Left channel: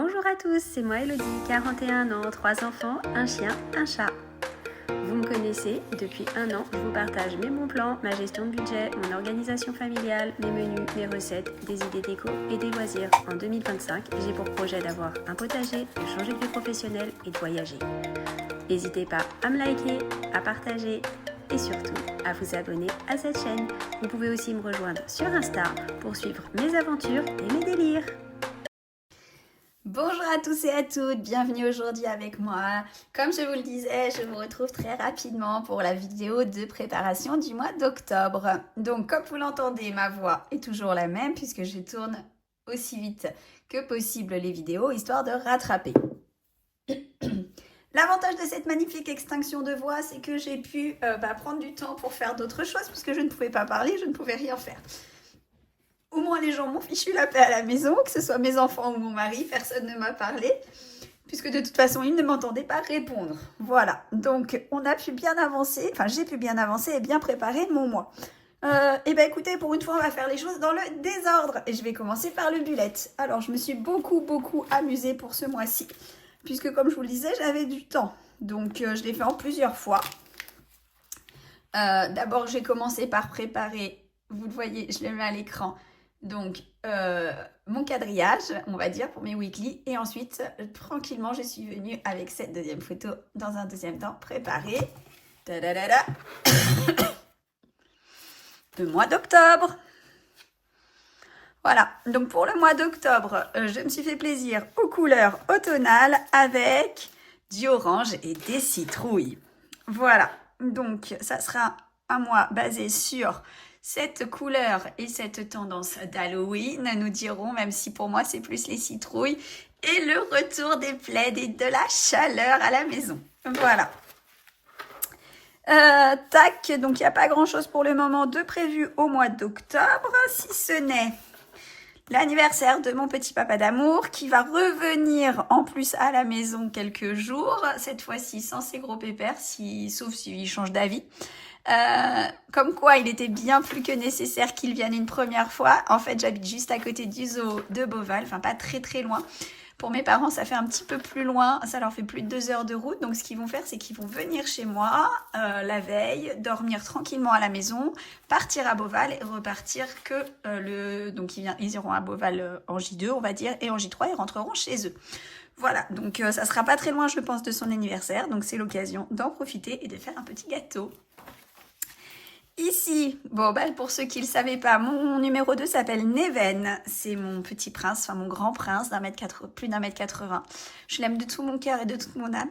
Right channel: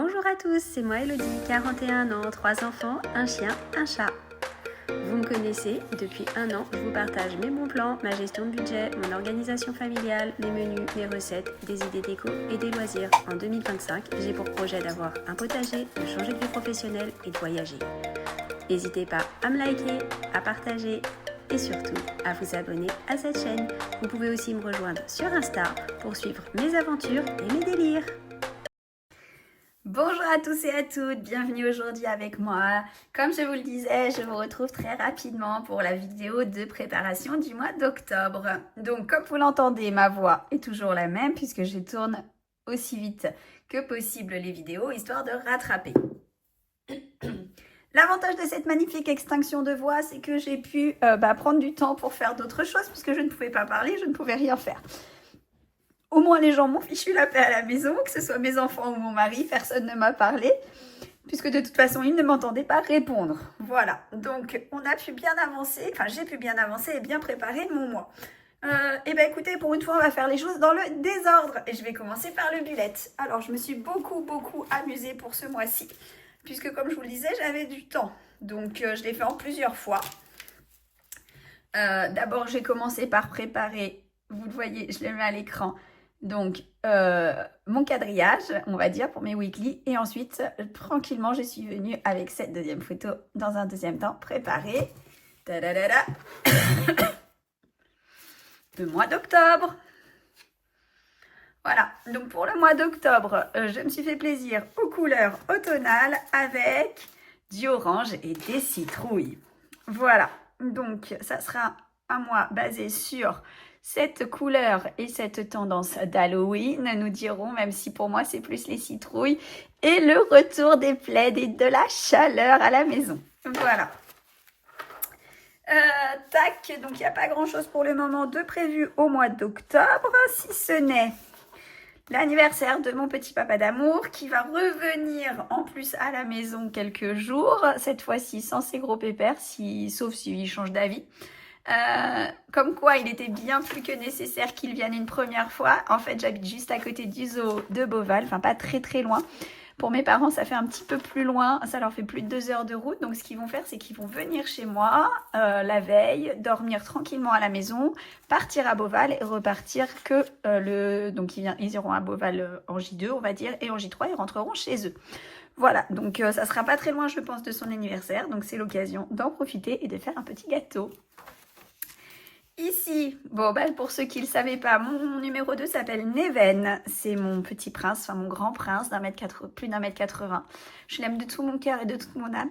Bonjour à tous, c'est moi Elodie, 41 ans, 3 enfants, un chien, un chat. Vous me connaissez, depuis un an, je vous partage mes bons plans, ma gestion de budget, mon organisation familiale, mes menus, mes recettes, des idées déco et des loisirs. En 2025, j'ai pour projet d'avoir un potager, de changer de vie professionnelle et de voyager. N'hésitez pas à me liker, à partager et surtout à vous abonner à cette chaîne. Vous pouvez aussi me rejoindre sur Insta pour suivre mes aventures et mes délires. Bonjour à tous et à toutes, bienvenue aujourd'hui avec moi. Comme je vous le disais, je vous retrouve très rapidement pour la vidéo de préparation du mois d'octobre. Donc comme vous l'entendez, ma voix est toujours la même puisque je tourne aussi vite que possible les vidéos, histoire de rattraper. L'avantage de cette magnifique extinction de voix, c'est que j'ai pu prendre du temps pour faire d'autres choses puisque je ne pouvais pas parler, je ne pouvais rien faire. Au moins, les gens m'ont fichu la paix à la maison, que ce soit mes enfants ou mon mari, personne ne m'a parlé, puisque de toute façon, ils ne m'entendaient pas répondre. Voilà, donc on a pu bien avancer, enfin j'ai pu bien avancer et bien préparer mon mois. Et bien écoutez, pour une fois, on va faire les choses dans le désordre. Et je vais commencer par le bullet. Alors, je me suis beaucoup amusée pour ce mois-ci, puisque comme je vous le disais, j'avais du temps. Donc, je l'ai fait en plusieurs fois. D'abord, j'ai commencé par préparer, vous le voyez, je le mets à l'écran, donc mon quadrillage, on va dire, pour mes weekly. Et ensuite, tranquillement, je suis venue avec cette deuxième photo dans un deuxième temps préparer le mois d'octobre. Voilà, donc pour le mois d'octobre, je me suis fait plaisir aux couleurs automnales avec du orange et des citrouilles. Voilà, donc ça sera un mois basé sur cette couleur et cette tendance d'Halloween, nous dirons, même si pour moi c'est plus les citrouilles, et le retour des plaids et de la chaleur à la maison. Voilà. Tac, donc il n'y a pas grand chose pour le moment de prévu au mois d'octobre, si ce n'est l'anniversaire de mon petit papa d'amour qui va revenir en plus à la maison quelques jours, cette fois-ci sans ses gros pépères, sauf s'il change d'avis. Comme quoi il était bien plus que nécessaire qu'il vienne une première fois. En fait, j'habite juste à côté du zoo de Beauval, enfin pas très loin. Pour mes parents, ça fait un petit peu plus loin, ça leur fait plus de 2 heures de route. Donc ce qu'ils vont faire, c'est qu'ils vont venir chez moi la veille, dormir tranquillement à la maison, partir à Beauval et repartir que donc ils iront à Beauval en J2, on va dire, et en J3, ils rentreront chez eux. Voilà, donc ça sera pas très loin, je pense, de son anniversaire. Donc c'est l'occasion d'en profiter et de faire un petit gâteau. Ici, bon, pour ceux qui ne le savaient pas, mon numéro 2 s'appelle Neven. C'est mon petit prince, enfin mon grand prince, plus d'1m80. Je l'aime de tout mon cœur et de toute mon âme.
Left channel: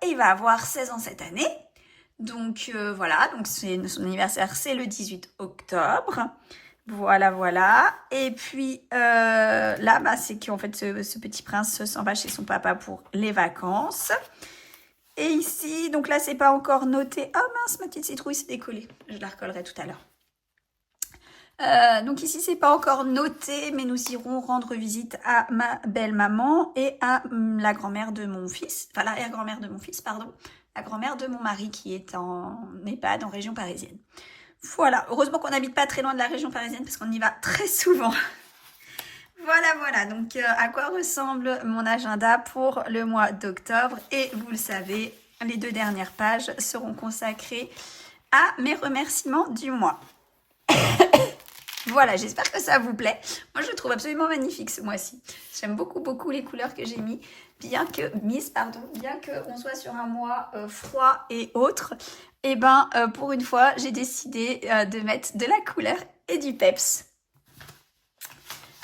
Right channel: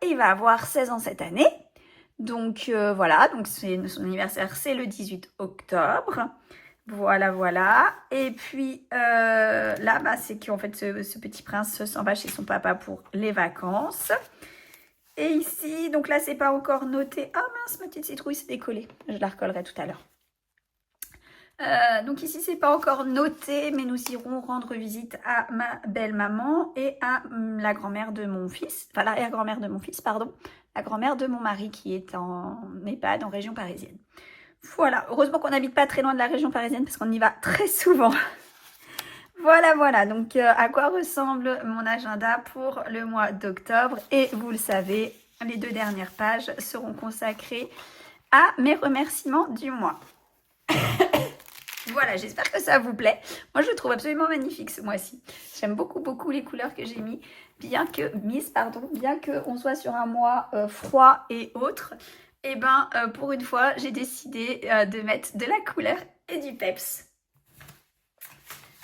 Et il va avoir 16 ans cette année. Donc voilà, donc son anniversaire, c'est le 18 octobre. Voilà. Et puis là, c'est qu'en fait, ce petit prince s'en va chez son papa pour les vacances. Et ici, donc là, c'est pas encore noté. Ah mince, ma petite citrouille s'est décollée. Je la recollerai tout à l'heure. Donc ici, c'est pas encore noté, mais nous irons rendre visite à ma belle-maman et à la grand-mère de mon fils, enfin l'arrière-grand-mère de mon fils, pardon, la grand-mère de mon mari qui est en EHPAD en région parisienne. Voilà, heureusement qu'on n'habite pas très loin de la région parisienne parce qu'on y va très souvent. Voilà, donc à quoi ressemble mon agenda pour le mois d'octobre. Et vous le savez, les 2 dernières pages seront consacrées à mes remerciements du mois. Voilà, j'espère que ça vous plaît. Moi, je le trouve absolument magnifique ce mois-ci. J'aime beaucoup les couleurs que j'ai bien qu'on soit sur un mois froid et autre. Et pour une fois, j'ai décidé de mettre de la couleur et du peps.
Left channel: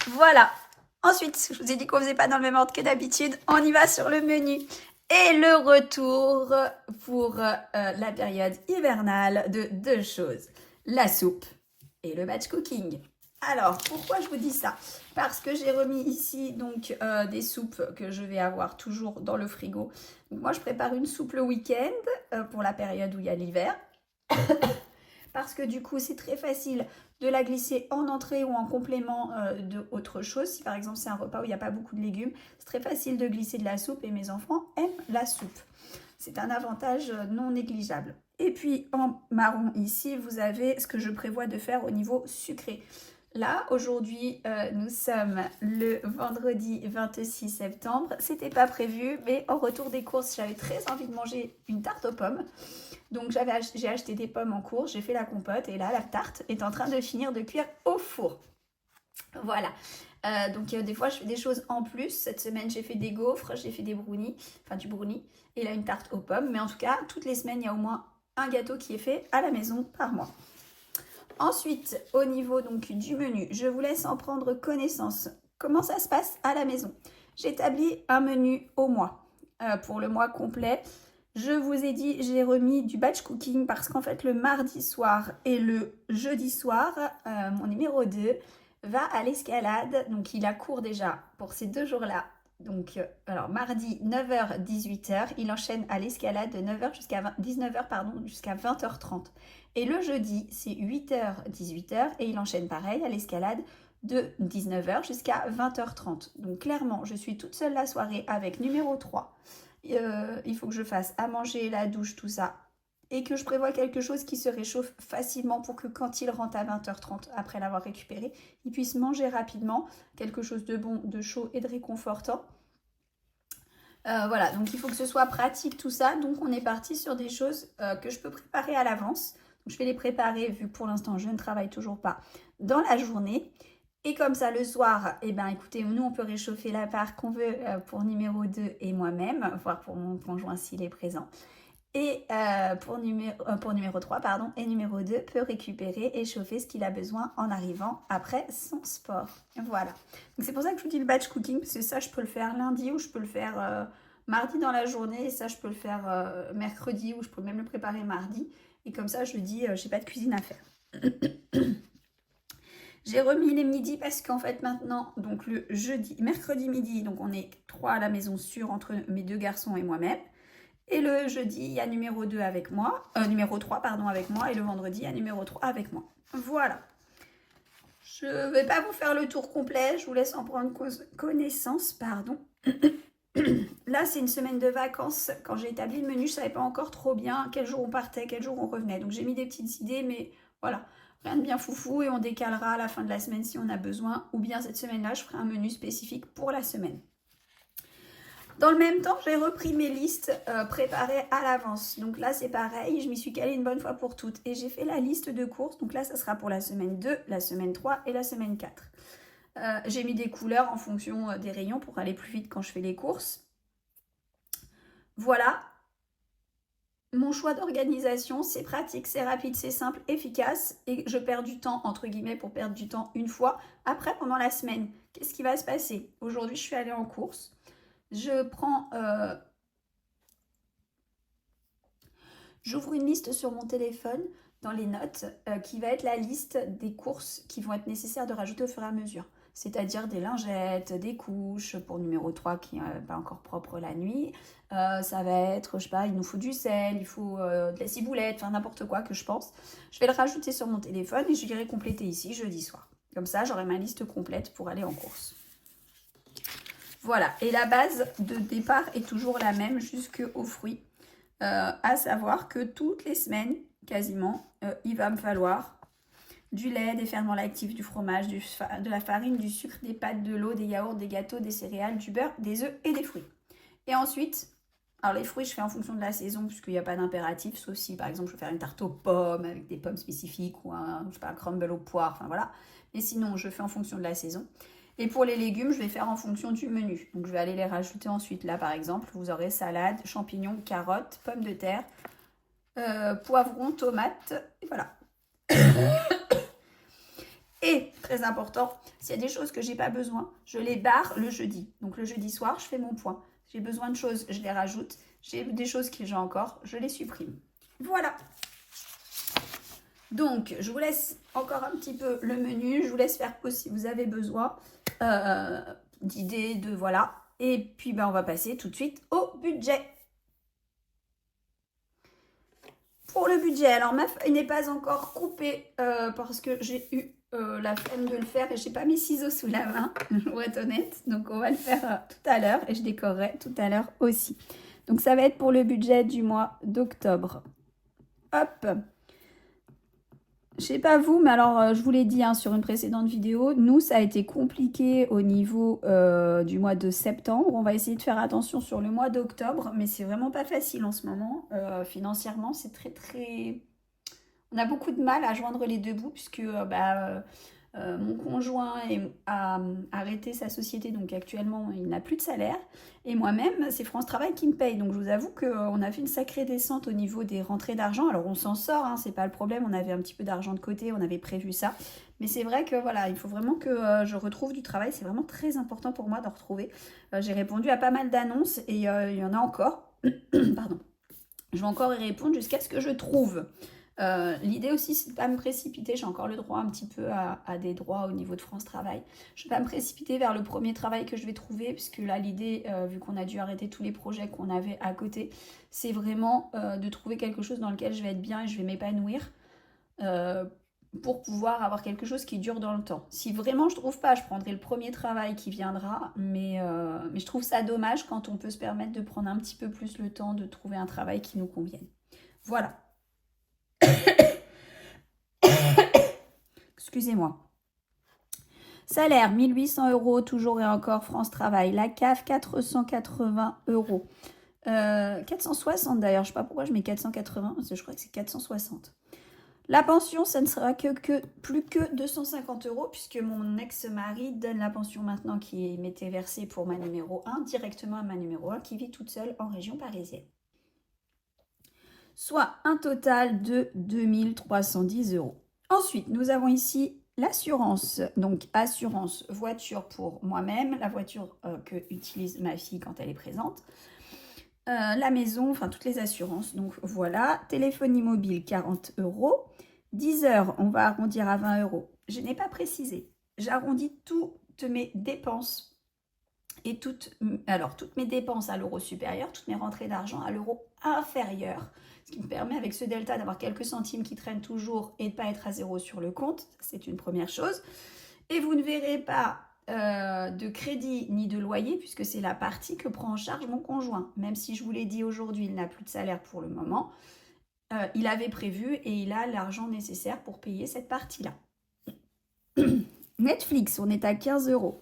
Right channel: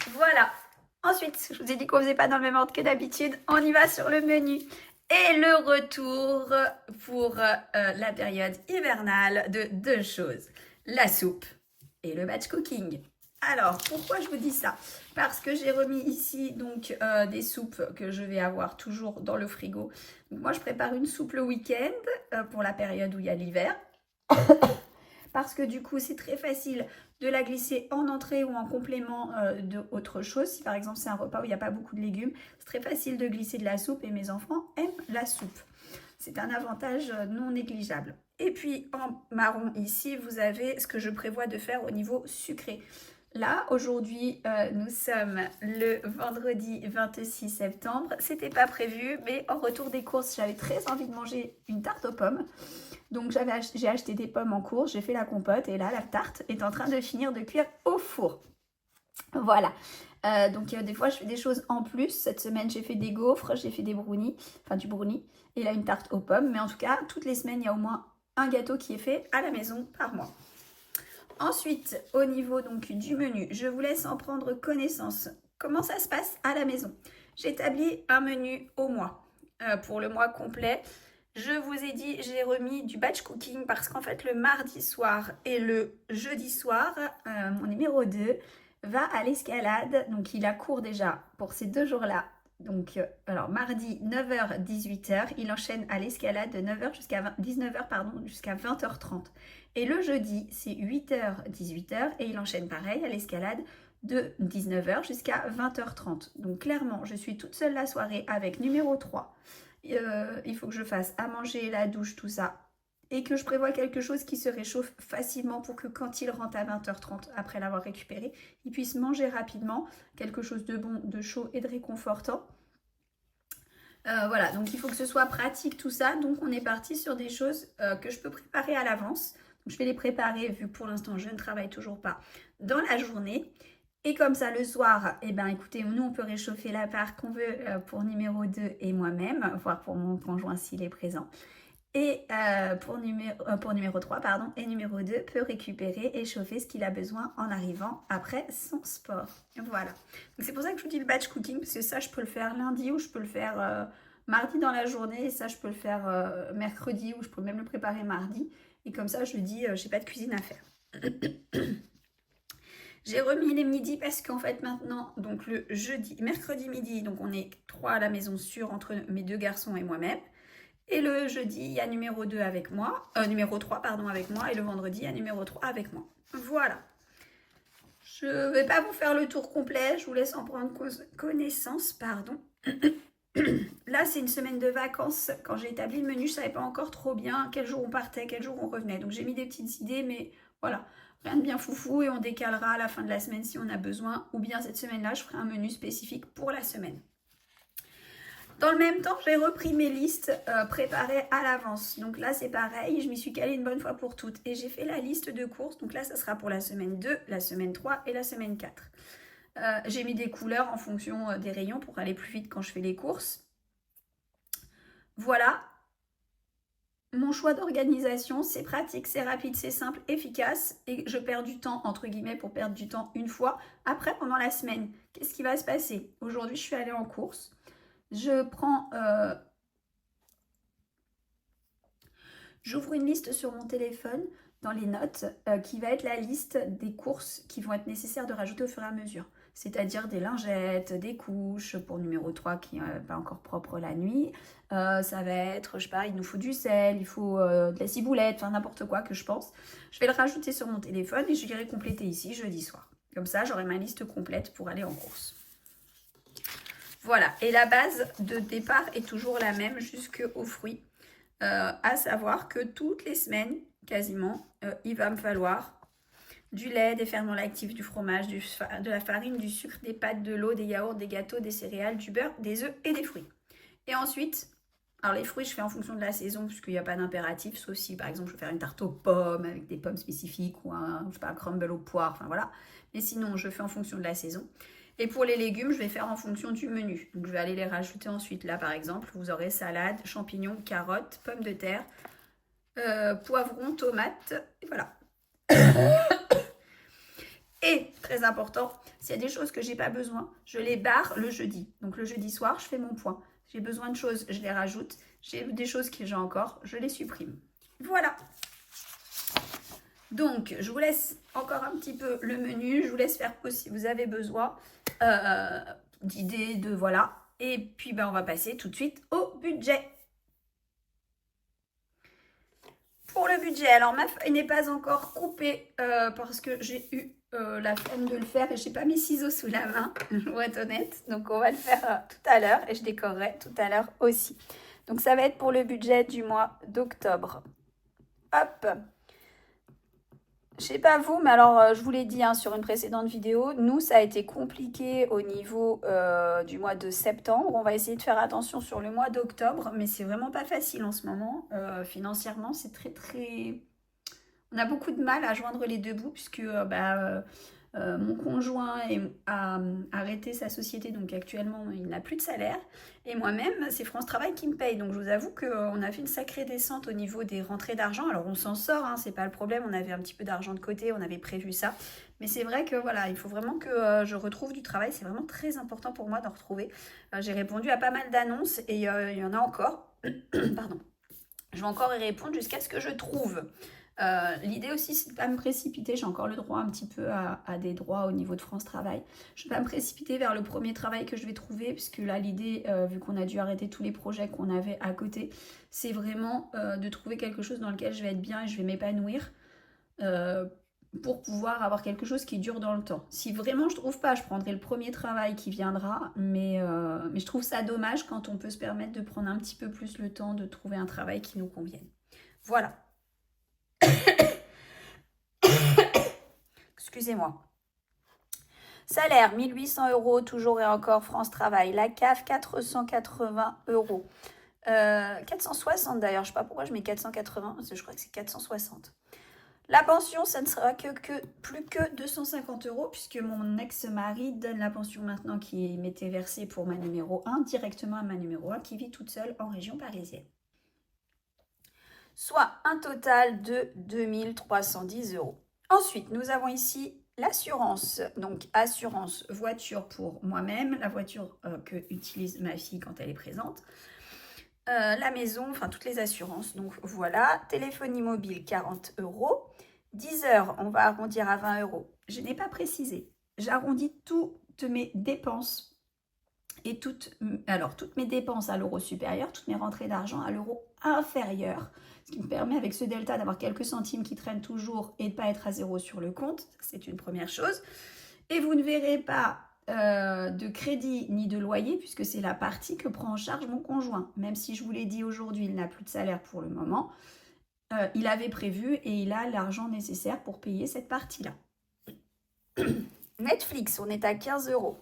Voilà. Ensuite, je vous ai dit qu'on ne faisait pas dans le même ordre que d'habitude. On y va sur le menu. Et le retour pour la période hivernale de 2 choses. La soupe et le batch cooking. Alors, pourquoi je vous dis ça? Parce que j'ai remis ici donc des soupes que je vais avoir toujours dans le frigo. Donc, moi, je prépare une soupe le week-end pour la période où il y a l'hiver. Parce que du coup, c'est très facile de la glisser en entrée ou en complément d'autre chose. Si par exemple, c'est un repas où il n'y a pas beaucoup de légumes, c'est très facile de glisser de la soupe et mes enfants aiment la soupe. C'est un avantage non négligeable. Et puis, en marron ici, vous avez ce que je prévois de faire au niveau sucré. Là, aujourd'hui, nous sommes le vendredi 26 septembre. C'était pas prévu, mais en retour des courses, j'avais très envie de manger une tarte aux pommes. Donc, j'ai acheté des pommes en course, j'ai fait la compote et là, la tarte est en train de finir de cuire au four. Voilà. Donc, des fois, je fais des choses en plus. Cette semaine, j'ai fait des gaufres, j'ai fait des brownies, enfin du brownie, et là, une tarte aux pommes. Mais en tout cas, toutes les semaines, il y a au moins un gâteau qui est fait à la maison par mois. Ensuite, au niveau donc du menu, je vous laisse en prendre connaissance. Comment ça se passe à la maison? J'établis un menu au mois. Pour le mois complet, je vous ai dit, j'ai remis du batch cooking parce qu'en fait, le mardi soir et le jeudi soir, mon numéro 2 va à l'escalade. Donc, il a cours déjà pour ces 2 jours-là. Donc, alors mardi 9h, 18h, il enchaîne à l'escalade de 9h jusqu'à 19h, jusqu'à 20h30. Et le jeudi, c'est 8h, 18h et il enchaîne pareil à l'escalade de 19h jusqu'à 20h30. Donc clairement, je suis toute seule la soirée avec numéro 3. Il faut que je fasse à manger, la douche, tout ça. Et que je prévoie quelque chose qui se réchauffe facilement pour que quand il rentre à 20h30, après l'avoir récupéré, il puisse manger rapidement quelque chose de bon, de chaud et de réconfortant. Voilà, donc il faut que ce soit pratique tout ça. Donc on est parti sur des choses que je peux préparer à l'avance. Je vais les préparer, vu que pour l'instant je ne travaille toujours pas, dans la journée. Et comme ça, le soir, eh ben, écoutez, nous, on peut réchauffer la part qu'on veut pour numéro 2 et moi-même, voire pour mon conjoint s'il est présent. Et pour numéro 3, pardon, et numéro 2 peut récupérer et chauffer ce qu'il a besoin en arrivant après son sport. Voilà. Donc c'est pour ça que je vous dis le batch cooking, parce que ça, je peux le faire lundi ou je peux le faire mardi dans la journée. Et ça, je peux le faire mercredi ou je peux même le préparer mardi. Et comme ça, je dis, j'ai pas de cuisine à faire. J'ai remis les midis parce qu'en fait maintenant, donc le mercredi midi, donc on est 3 à la maison sûre entre mes 2 garçons et moi-même. Et le jeudi, il y a numéro 2 avec moi, numéro 3 pardon avec moi, et le vendredi, il y a numéro 3 avec moi. Voilà. Je ne vais pas vous faire le tour complet, je vous laisse en prendre connaissance, pardon. Là, c'est une semaine de vacances. Quand j'ai établi le menu, je ne savais pas encore trop bien quel jour on partait, quel jour on revenait. Donc j'ai mis des petites idées, mais voilà, rien de bien foufou et on décalera à la fin de la semaine si on a besoin. Ou bien cette semaine-là, je ferai un menu spécifique pour la semaine. Dans le même temps, j'ai repris mes listes préparées à l'avance. Donc là, c'est pareil, je m'y suis calée une bonne fois pour toutes. Et j'ai fait la liste de courses. Donc là, ça sera pour la semaine 2, la semaine 3 et la semaine 4. J'ai mis des couleurs en fonction des rayons pour aller plus vite quand je fais les courses. Voilà. Mon choix d'organisation, c'est pratique, c'est rapide, c'est simple, efficace. Et je perds du temps, entre guillemets, pour perdre du temps une fois. Après, pendant la semaine, qu'est-ce qui va se passer? Aujourd'hui, je suis allée en course. Je prends... J'ouvre une liste sur mon téléphone dans les notes qui va être la liste des courses qui vont être nécessaires de rajouter au fur et à mesure. C'est-à-dire des lingettes, des couches pour numéro 3 qui n'est pas encore propre la nuit. Ça va être, je sais pas, il nous faut du sel, il faut de la ciboulette, enfin n'importe quoi que je pense. Je vais le rajouter sur mon téléphone et je irai compléter ici jeudi soir. Comme ça, j'aurai ma liste complète pour aller en course. Voilà, et la base de départ est toujours la même jusqu'aux fruits. À savoir que toutes les semaines, quasiment, il va me falloir du lait, des ferments lactifs, du fromage, de la farine, du sucre, des pâtes, de l'eau, des yaourts, des gâteaux, des céréales, du beurre, des œufs et des fruits. Et ensuite, alors les fruits, je fais en fonction de la saison, puisqu'il n'y a pas d'impératif, sauf si, par exemple, je veux faire une tarte aux pommes avec des pommes spécifiques ou un crumble aux poires, enfin voilà. Mais sinon, je fais en fonction de la saison. Et pour les légumes, je vais faire en fonction du menu. Donc, je vais aller les rajouter ensuite. Là, par exemple, vous aurez salade, champignons, carottes, pommes de terre, poivrons, tomates, et voilà. Et, très important, s'il y a des choses que je n'ai pas besoin, je les barre le jeudi. Donc, le jeudi soir, je fais mon point. J'ai besoin de choses, je les rajoute. J'ai des choses que j'ai encore, je les supprime. Voilà. Donc, je vous laisse encore un petit peu le menu. Je vous laisse faire pause si vous avez besoin d'idées, de voilà. Et puis, ben, on va passer tout de suite au budget. Pour le budget, alors ma feuille n'est pas encore coupée parce que j'ai eu la flemme de le faire et je n'ai pas mes ciseaux sous la main, je dois être honnête. Donc, on va le faire tout à l'heure et je décorerai tout à l'heure aussi. Donc, ça va être pour le budget du mois d'octobre. Hop! Je sais pas vous, mais alors je vous l'ai dit hein, sur une précédente vidéo, nous ça a été compliqué au niveau du mois de septembre. On va essayer de faire attention sur le mois d'octobre, mais c'est vraiment pas facile en ce moment. Financièrement, c'est très... On a beaucoup de mal à joindre les deux bouts puisque mon conjoint a arrêté sa société, donc actuellement il n'a plus de salaire. Et moi-même, c'est France Travail qui me paye. Donc je vous avoue qu'on a fait une sacrée descente au niveau des rentrées d'argent. Alors on s'en sort, hein, c'est pas le problème. On avait un petit peu d'argent de côté, on avait prévu ça. Mais c'est vrai que voilà, il faut vraiment que je retrouve du travail. C'est vraiment très important pour moi de retrouver. J'ai répondu à pas mal d'annonces et il y en a encore. Pardon. Je vais encore y répondre jusqu'à ce que je trouve. L'idée aussi, c'est de ne pas me précipiter. J'ai encore le droit un petit peu à des droits au niveau de France Travail. Je ne vais pas me précipiter vers le premier travail que je vais trouver, puisque là, l'idée, vu qu'on a dû arrêter tous les projets qu'on avait à côté, c'est vraiment de trouver quelque chose dans lequel je vais être bien et je vais m'épanouir pour pouvoir avoir quelque chose qui dure dans le temps. Si vraiment je ne trouve pas, je prendrai le premier travail qui viendra, mais je trouve ça dommage quand on peut se permettre de prendre un petit peu plus le temps de trouver un travail qui nous convienne. Voilà. Excusez-moi. Salaire, 1800 €, toujours et encore France Travail. La CAF, 480 €. 460 d'ailleurs, je ne sais pas pourquoi je mets 480, parce que je crois que c'est 460. La pension, ça ne sera plus que 250 €, puisque mon ex-mari donne la pension maintenant qui m'était versée pour ma numéro 1, directement à ma numéro 1, qui vit toute seule en région parisienne. Soit un total de 2310 €. Ensuite, nous avons ici l'assurance, donc assurance voiture pour moi-même, la voiture que utilise ma fille quand elle est présente, la maison, enfin toutes les assurances, donc voilà, téléphonie mobile 40 €, 10 heures, on va arrondir à 20 €, je n'ai pas précisé, j'arrondis toutes mes dépenses et toutes mes dépenses à l'euro supérieur, toutes mes rentrées d'argent à l'euro inférieur, ce qui me permet avec ce delta d'avoir quelques centimes qui traînent toujours et de ne pas être à zéro sur le compte, c'est une première chose. Et vous ne verrez pas de crédit ni de loyer puisque c'est la partie que prend en charge mon conjoint. Même si je vous l'ai dit aujourd'hui, il n'a plus de salaire pour le moment, il avait prévu et il a l'argent nécessaire pour payer cette partie-là. Netflix, on est à 15 €.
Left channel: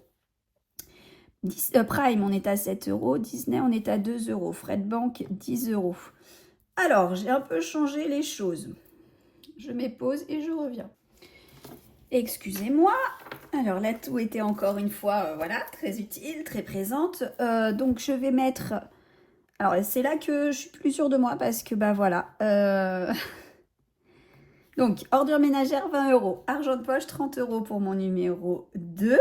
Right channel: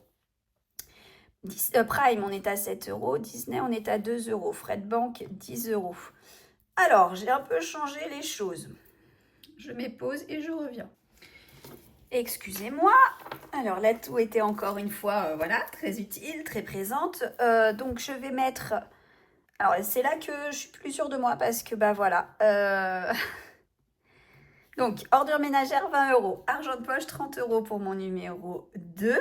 Prime, on est à 7 €. Disney, on est à 2 €. Frais de banque, 10 €. Alors, j'ai un peu changé les choses. Je mets pause et je reviens. Excusez-moi. Alors, la toux était encore une fois, voilà, très utile, très présente. Donc, je vais mettre... Alors, c'est là que je suis plus sûre de moi parce que, bah voilà. Donc, ordure ménagère, 20 €. Argent de poche, 30 € pour mon numéro 2.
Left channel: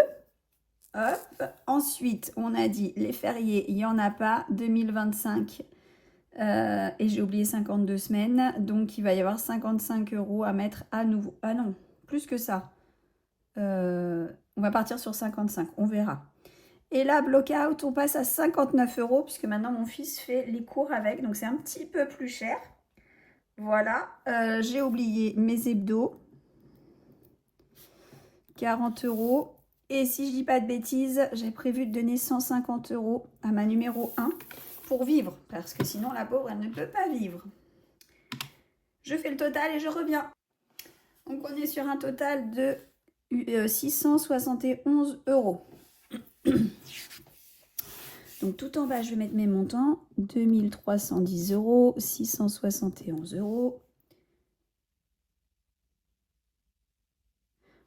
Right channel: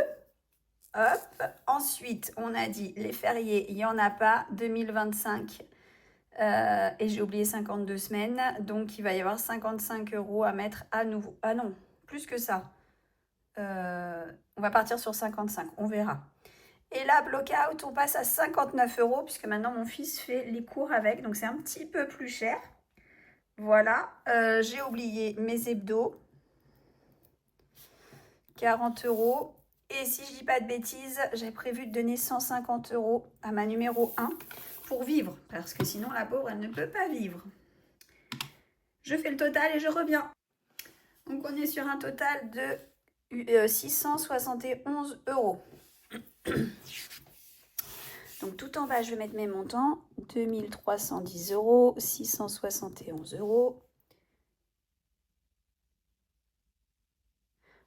Hop. Ensuite, on a dit les fériés, il n'y en a pas. 2025. Et j'ai oublié 52 semaines. Donc, il va y avoir 55 € à mettre à nouveau. Ah non, plus que ça. On va partir sur 55, on verra. Et là, block-out, on passe à 59 € puisque maintenant mon fils fait les cours avec. Donc, c'est un petit peu plus cher. Voilà. J'ai oublié mes hebdos. 40 €. Et si je dis pas de bêtises, j'ai prévu de donner 150 € à ma numéro 1 pour vivre. Parce que sinon, la pauvre, elle ne peut pas vivre. Je fais le total et je reviens. Donc, on est sur un total de 671 €. Donc, tout en bas, je vais mettre mes montants. 2310 €, 671 €.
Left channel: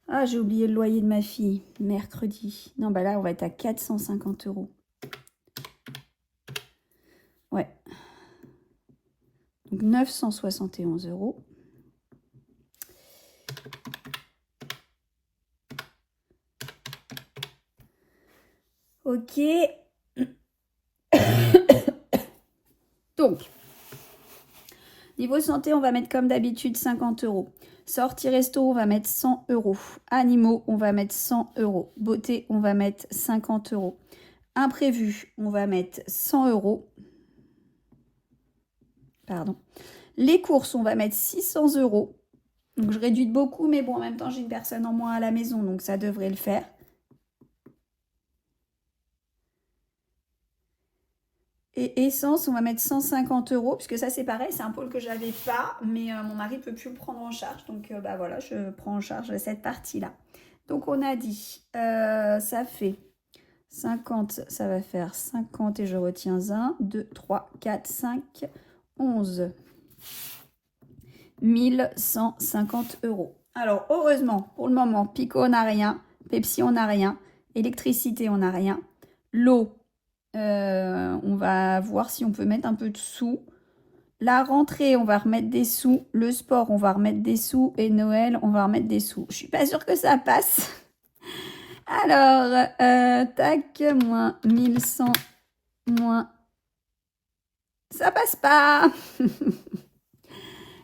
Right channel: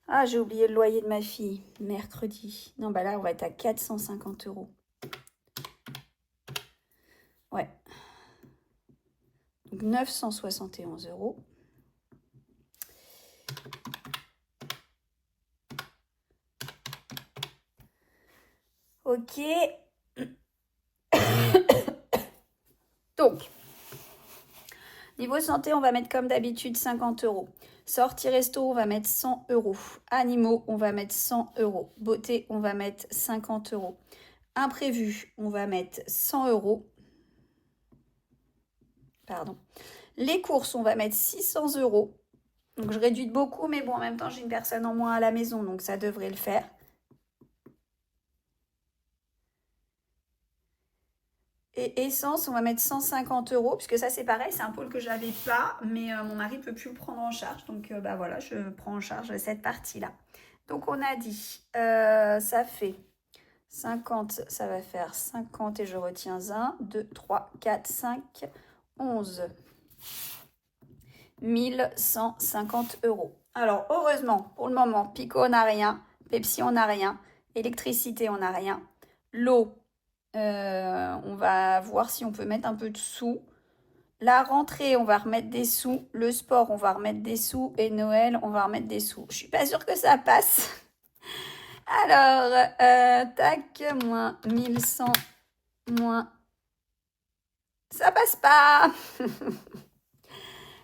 Ah, j'ai oublié le loyer de ma fille, mercredi. Non, bah là, on va être à 450 €. Ouais. Donc, 971 €. Ok. Donc, niveau santé, on va mettre comme d'habitude 50 €. Sortie resto, on va mettre 100 €. Animaux, on va mettre 100 €. Beauté, on va mettre 50 €. Imprévu, on va mettre 100 €. Pardon. Les courses, on va mettre 600 €. Donc, je réduis de beaucoup, mais bon, en même temps, j'ai une personne en moins à la maison, donc ça devrait le faire. Et essence, on va mettre 150 €, puisque ça c'est pareil, c'est un pôle que j'avais pas, mais mon mari peut plus le prendre en charge, donc bah voilà, je prends en charge cette partie-là. Donc on a dit, ça fait 50, ça va faire 50 et je retiens 1, 2, 3, 4, 5, 11. 1150 €. Alors heureusement, pour le moment, Pico on n'a rien, Pepsi on n'a rien, électricité on n'a rien, l'eau, on va voir si on peut mettre un peu de sous. La rentrée, on va remettre des sous. Le sport, on va remettre des sous. Et Noël, on va remettre des sous. Je suis pas sûre que ça passe. Alors, tac, moins 1100, moins... Ça passe pas.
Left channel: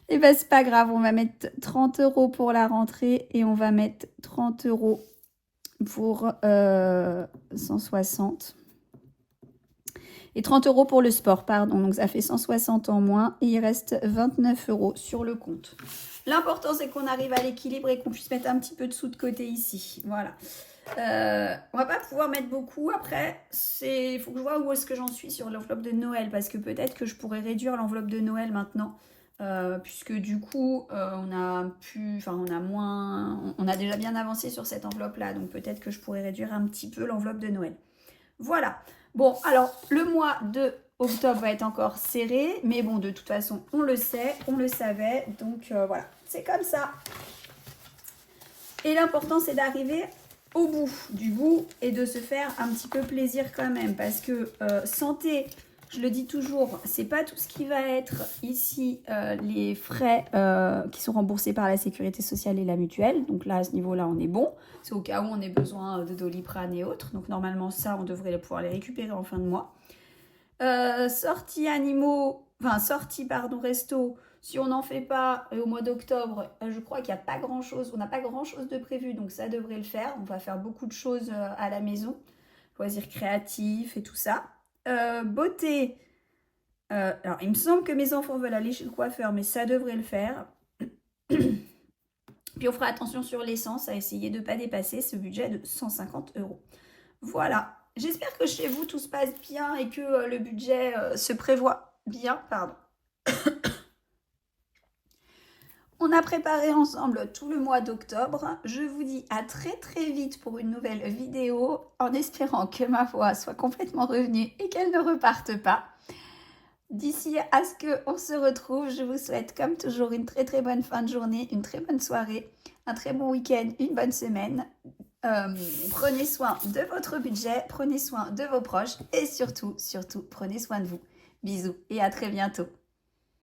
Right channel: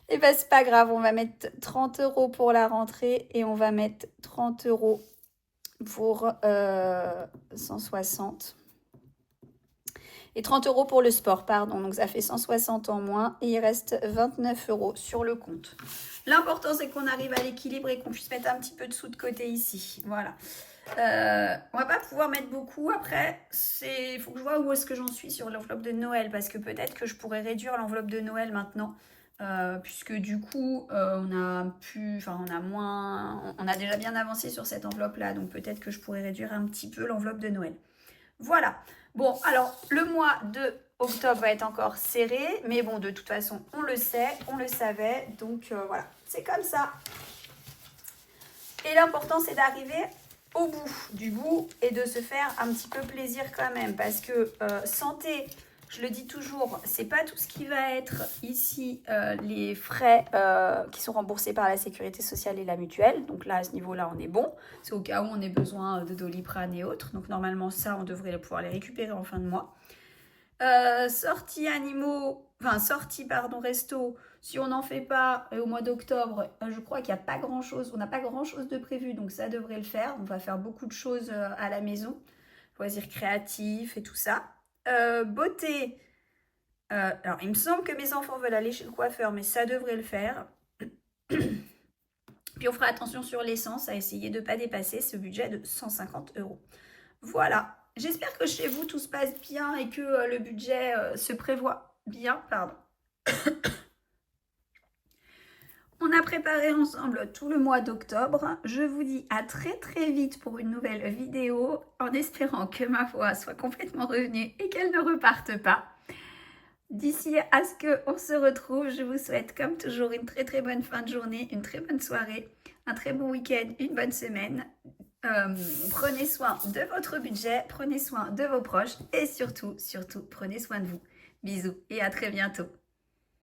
Et ben c'est pas grave, on va mettre 30 € pour la rentrée et on va mettre 30 € pour 160. Et 30 € pour le sport, pardon. Donc ça fait 160 en moins et il reste 29 € sur le compte. L'important c'est qu'on arrive à l'équilibre et qu'on puisse mettre un petit peu de sous de côté ici. Voilà. On va pas pouvoir mettre beaucoup. Après, il faut que je vois où est-ce que j'en suis sur l'enveloppe de Noël, parce que peut-être que je pourrais réduire l'enveloppe de Noël maintenant, puisque du coup, on a déjà bien avancé sur cette enveloppe-là, donc peut-être que je pourrais réduire un petit peu l'enveloppe de Noël. Voilà. Bon, alors le mois de octobre va être encore serré, mais bon, de toute façon, on le sait, on le savait, donc voilà, c'est comme ça. Et l'important, c'est d'arriver au bout du bout et de se faire un petit peu plaisir quand même, parce que santé, je le dis toujours, c'est pas tout ce qui va être ici les frais qui sont remboursés par la sécurité sociale et la mutuelle. Donc là, à ce niveau-là, on est bon. C'est au cas où on ait besoin de Doliprane et autres. Donc normalement, ça, on devrait pouvoir les récupérer en fin de mois. Sortie animaux, enfin sortie pardon resto, si on n'en fait pas au mois d'octobre, je crois qu'il n'y a pas grand chose, on n'a pas grand chose de prévu, donc ça devrait le faire. On va faire beaucoup de choses à la maison, loisirs créatifs et tout ça. Beauté, alors il me semble que mes enfants veulent aller chez le coiffeur, mais ça devrait le faire. Puis on fera attention sur l'essence, à essayer de ne pas dépasser ce budget de 150 €. Voilà. J'espère que chez vous tout se passe bien et que le budget se prévoit bien. Pardon. On a préparé ensemble tout le mois d'octobre. Je vous dis à très très vite pour une nouvelle vidéo, en espérant que ma voix soit complètement revenue et qu'elle ne reparte pas. D'ici à ce qu'on se retrouve, je vous souhaite comme toujours une très très bonne fin de journée, une très bonne soirée, un très bon week-end, une bonne semaine. Prenez soin de votre budget, prenez soin de vos proches et surtout, prenez soin de vous. Bisous et à très bientôt.